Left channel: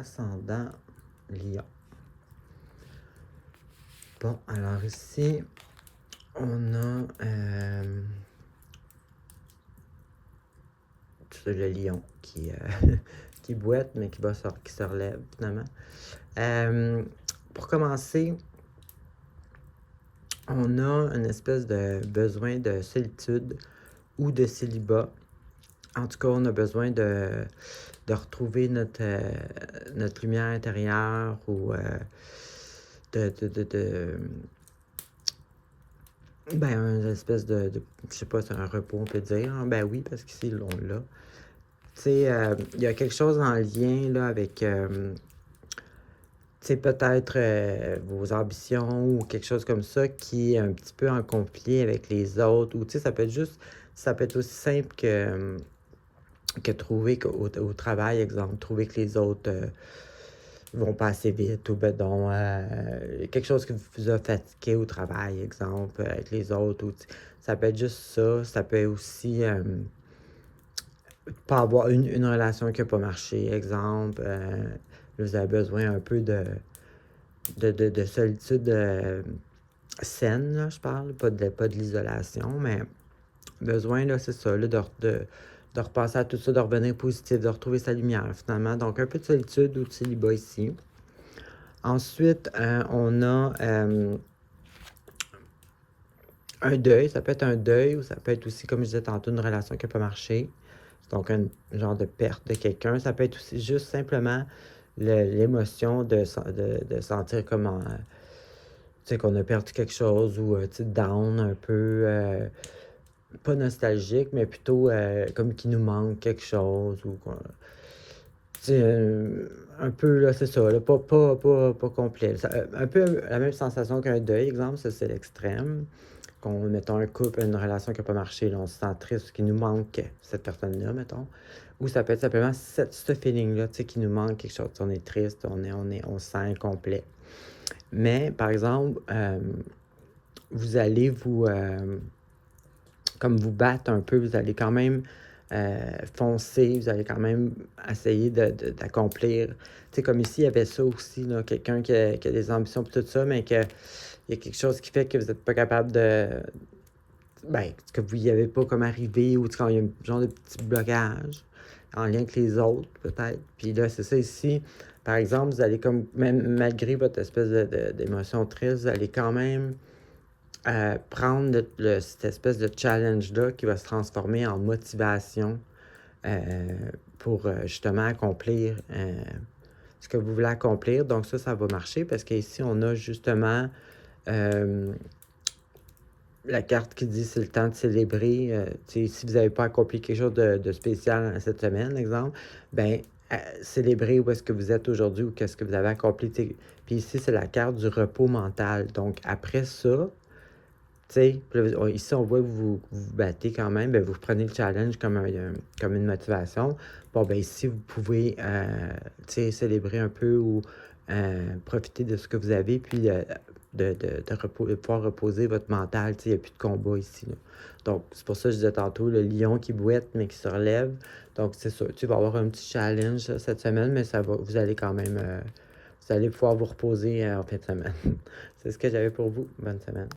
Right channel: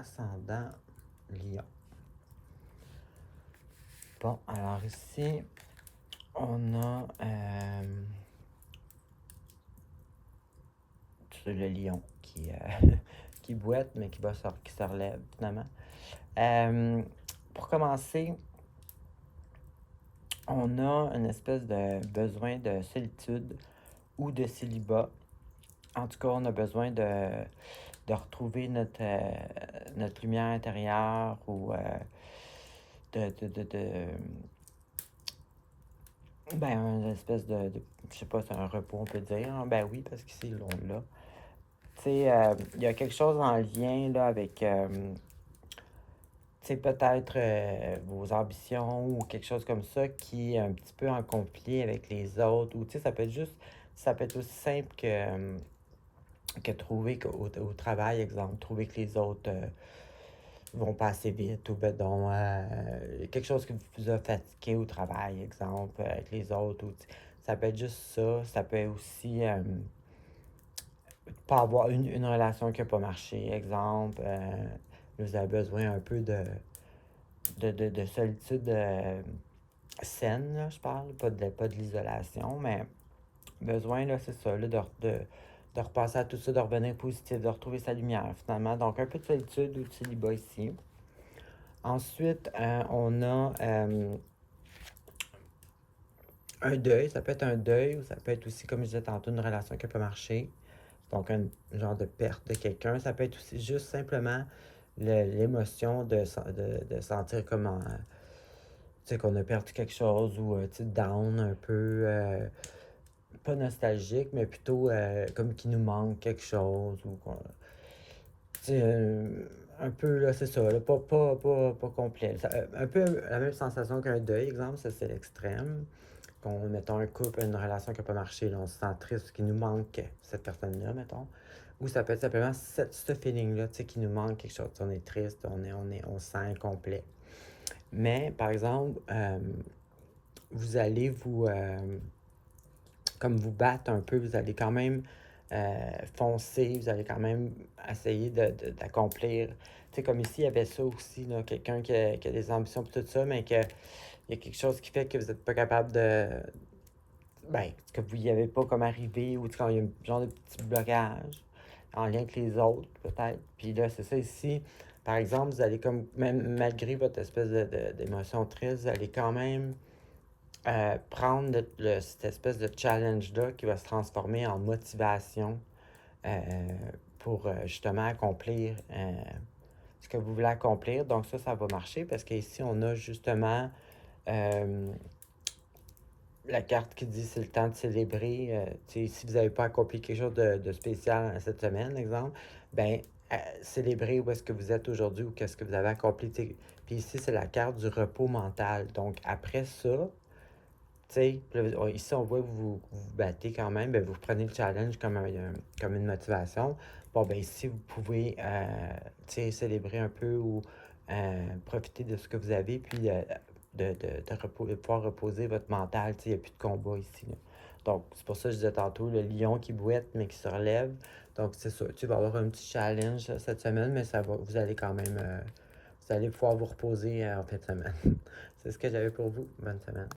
ascendant Lion. Bon, alors ici, on a le lion qui, qui boite, mais qui se relève finalement. Pour commencer, on a une espèce de besoin de solitude ou de célibat. En tout cas, on a besoin de retrouver notre lumière intérieure ou une espèce je sais pas, c'est un repos, on peut dire. Hein? Ben oui, parce qu'ici, l'on l'a. Tu sais, il y a quelque chose en lien là, avec, tu sais, peut-être vos ambitions ou quelque chose comme ça qui est un petit peu en conflit avec les autres. Ou, tu sais, ça peut être aussi simple que trouver au travail, exemple, trouver que les autres vont pas assez vite ou quelque chose qui vous a fatigué au travail, exemple, avec les autres. Ou, ça peut être juste ça. Ça peut aussi pas avoir une relation qui n'a pas marché, exemple. Vous avez besoin un peu de solitude saine, là, je parle, pas de l'isolation, mais besoin, là, c'est ça, là, de repasser à tout ça, de revenir positif, de retrouver sa lumière, finalement. Donc, un peu de solitude ou de célibat ici. Ensuite, on a un deuil. Ça peut être un deuil ou ça peut être aussi, comme je disais tantôt, une relation qui n'a pas marché. Donc, un genre de perte de quelqu'un. Ça peut être aussi juste simplement l'émotion de sentir comment, tu sais, qu'on a perdu quelque chose ou, tu sais, down un peu, pas nostalgique, mais plutôt comme qu'il nous manque quelque chose ou tu sais, un peu, là, c'est ça, là, pas complet. Un peu la même sensation qu'un deuil, exemple, ça, c'est l'extrême. Qu'on, mettons, un couple, une relation qui n'a pas marché, là, on se sent triste, qu'il nous manque cette personne-là, mettons. Ou ça peut être simplement ce feeling-là, tu sais, qui nous manque quelque chose. On est triste, on se sent incomplet. Mais, par exemple, vous allez comme vous battre un peu, vous allez quand même foncer, vous allez quand même essayer d'accomplir. Tu sais, comme ici, il y avait ça aussi, là, quelqu'un qui a des ambitions et tout ça, mais qu'il y a quelque chose qui fait que vous n'êtes pas capable que vous n'y avez pas comme arrivé, ou quand il y a un genre de petit blocage en lien avec les autres, peut-être. Puis là, c'est ça ici. Par exemple, vous allez comme, même malgré votre espèce d'émotion triste, vous allez quand même prendre cette espèce de challenge-là qui va se transformer en motivation pour justement accomplir ce que vous voulez accomplir. Donc ça va marcher parce qu'ici, on a justement la carte qui dit c'est le temps de célébrer. Si vous n'avez pas accompli quelque chose de spécial cette semaine, exemple, ben célébrer où est-ce que vous êtes aujourd'hui ou qu'est-ce que vous avez accompli. Puis ici, c'est la carte du repos mental. Donc après ça, ici, on voit que vous battez quand même, ben, vous prenez le challenge comme une motivation. Bon, ben ici, vous pouvez célébrer un peu ou profiter de ce que vous avez, puis de pouvoir reposer votre mental. Il n'y a plus de combat ici. Là. Donc, c'est pour ça que je disais tantôt, le lion qui boite, mais qui se relève. Donc, c'est sûr, tu vas avoir un petit challenge cette semaine, mais vous allez quand même, vous allez pouvoir vous reposer en fin de semaine. C'est ce que j'avais pour vous. Bonne semaine.